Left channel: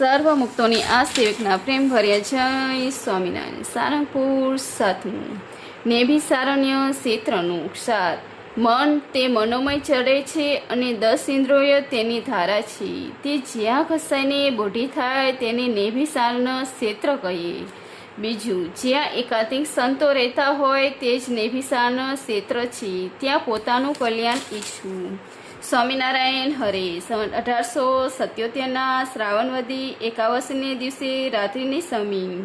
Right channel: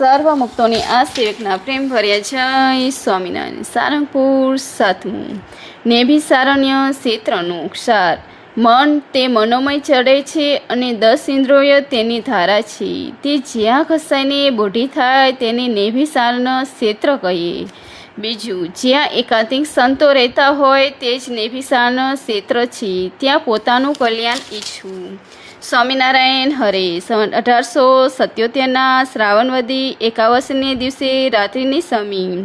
સર્વમુક્તોની આ સેવકના પ્રેમ ભર્યા જય સ્વામિનારાયણ. સારંગપુર 7મું. નેભિસારણ્ય ક્ષેત્રનું ક્ષાર. મન તે મનોમય ચડે છે અને 10 ઇન્દ્રિયો તેની ધારા છે. તે જ્યાં ઘસાઈને બોઢી થાય તેને નેભિસારણ ક્ષેત્ર કહીએ. બીજું, જ્યાં એકાંતિક સંતો રહેતા હોય તે જ નેભિસારણ ક્ષેત્ર છે. ત્યાં પોતાનું કલ્યાણ ઈચ્છવું. સ્વામિનારાયણ હરે. 1877ના શ્રાવણવદી 51ને દિવસે રાત્રિની સમી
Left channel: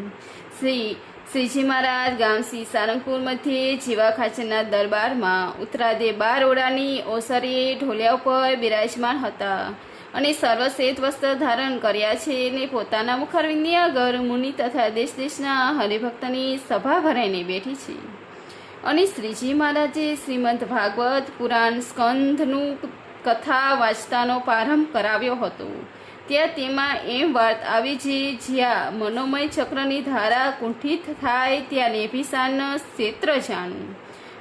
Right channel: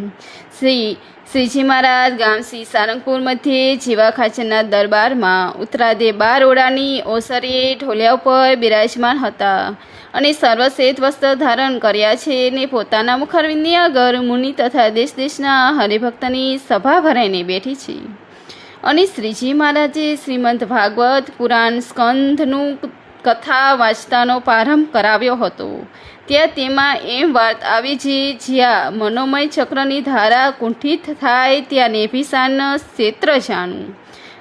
શ્રીજી મહારાજ ગામ શ્રી સારંગપુર મધ્યે જીવા ખાચરના દરબારમાં ઉત્તરાદે 12 ઓરડાની ઓસરીએ ઢોલિયા ઉપર બિરાજમાન હતા અને સર્વશ્રેષ્ઠ વસ્ત્ર ધારણ કર્યા છે ને પોતાના મુખારવિંદની આગળ મુનિ તથા દેશ દેશના હરિભક્તની સભા ભરાઈને બેઠી છે. અને શ્રીજી મહારાજે શ્રીમદ ભાગવત પુરાણ સ્કંધનું કથા વાંચતાનો પ્રારંભ કરાવ્યો હતો. ત્યાં તેમાં એમ વાત આવી છે, જ્યાં મનોમય ચક્રની ધારા કુંઠિત થાય ત્યાં નેભિસારણ ક્ષેત્ર જાણવું.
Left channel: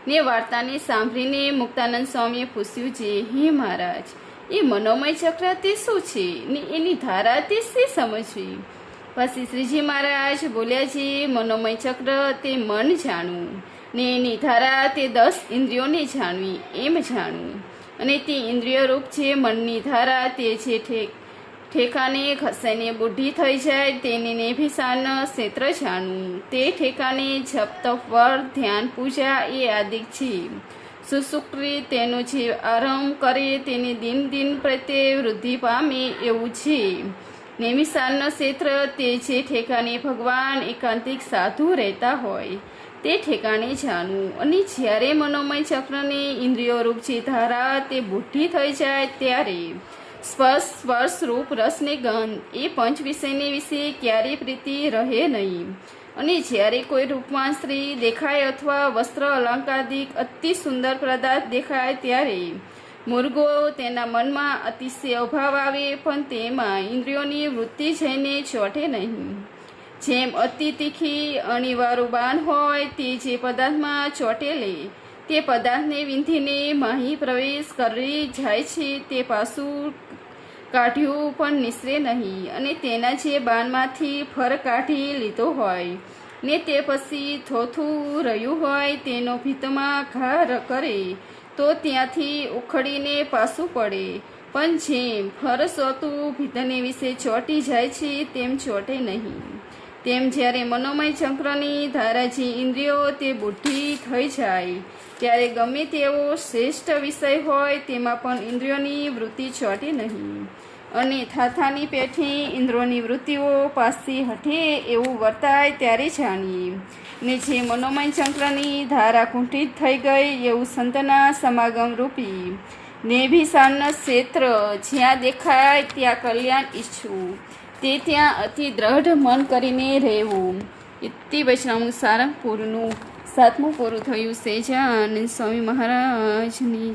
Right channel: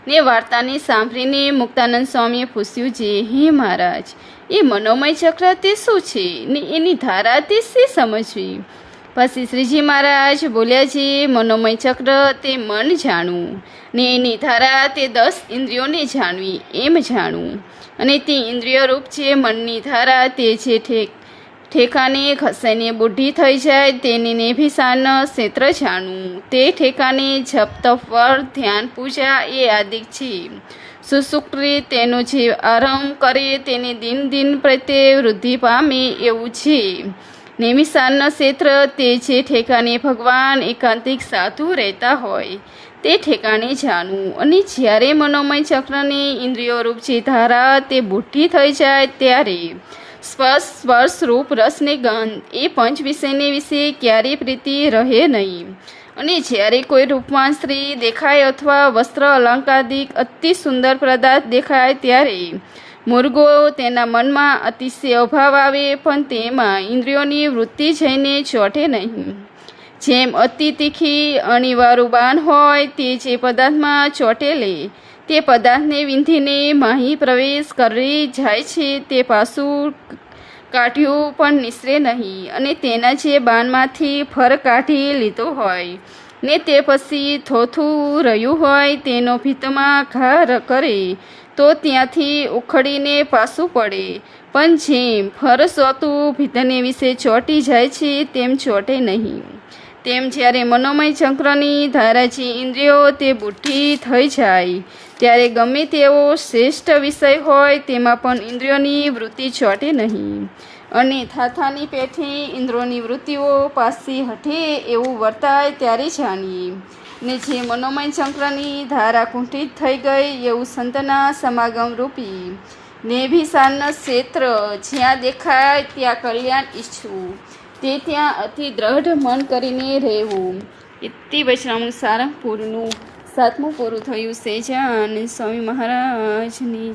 ને વાર્તાને સાંભળીને મુક્તાનંદ સ્વામીએ પૂછ્યું છે, હે મહારાજ, એ મનોમય ચક્ર તે શું છે ને એની ધારા તે શી સમજવી? પછી શ્રીજી મહારાજ બોલ્યા છે, મનોમય ચક્ર તે મન જાણવું ને એની ધારા તે 10 ઇન્દ્રિયોને જાણવી એમ જાણવું. અને તે ઇન્દ્રિય રૂપ છે મનની ધારા તે જે ઠેકાને ખસાઈને બુઢી થઈ જાય તેને નેભિસારણ ક્ષેત્ર જાણવું. તે ઠેકાને જપ તપ વ્રત ધ્યાન પૂજા એ આદિક છે. સુસુક્તિ તેનો જે આરંભ કરે તેને દિન દિન પ્રત્યે વૃદ્ધિ પામે એવું છે. નેમિસારણ ક્ષેત્ર તે જે ઠેકાને ભગવાન એકાંતિક સાધુ રહેતા હોય તે ઠેકાણે જાણવું. અને જ્યારે મનોમય ચક્રને ઇન્દ્રિયો રૂપ જે ધારા તે બુઢી થઈ જાય ત્યારે સ્પર્શ રૂપ રસને ગંધ એ પંચ વિષયને વિશે ક્યારેય પ્રીતિ રહે નહીં. અને જ્યારે કોઈ રૂપવાન સ્ત્રી દેખાય અથવા વસ્ત્ર અલંકારિક અતિ સુંદર પદાર્થ દેખાય ત્યારે મુર્ગો તેના મનમાં અતિશય અભાવ આવે પણ તેમાં ઇન્દ્રિયોની વૃત્તિ જઈને ચોંટે નહીં. જેમ અતિ તીખી અણીવાળું બાણ હોય તે જે પદાર્થમાં ચોંટેલે તે પદાર્થને વિંધીને માહી પ્રવેશ કરી જાય છે તે પાછું કાઢ્યું પણ નિસરે નહીં. અને તેના જે બાણમાંથી ફર કાઢી લીધો હોય ને તે પછી થોથું રહ્યું હોય તેનો ભીતમાં ઘા કરે તો ત્યાંથી ઉખડીને પાછું પડે. પણ જેમ ફર સોતું ભીતને વિશે ચોંટી જાય છે તેમ ચોંટે નહીં. તેમ જ્યારે મનોમય ચક્રની ધારા જે ઇન્દ્રિયો તે બુઢી થઈ જાય ત્યારે ગમે તેવો શ્રેષ્ઠ વિષય હોય તેમાં પણ ઇન્દ્રિયોની વૃત્તિ ચોંટે નહીં. અને થાથાની પેઠે ઇન્દ્રિયોની વૃત્તિઓ પાછી હઠે એવું વર્તાય ત્યારે જાણીએ. ને જે મનોમય ચક્રની ધારા કુંઠિત થઈ ગઈ એવું સંતના સમાગમ રૂપી નેભિસારણ ક્ષેત્ર જ્યાં દેખાય ત્યાં કલ્યાણ ઈચ્છવું. તે ત્યાં અતિ દ્રઢ મન કરીને રહેવું. ઇતિ વૈષ્ણવ સારંગપુરનું 7મું પૂરું થયું છે. જ્યાં સ્વામી મહારાજની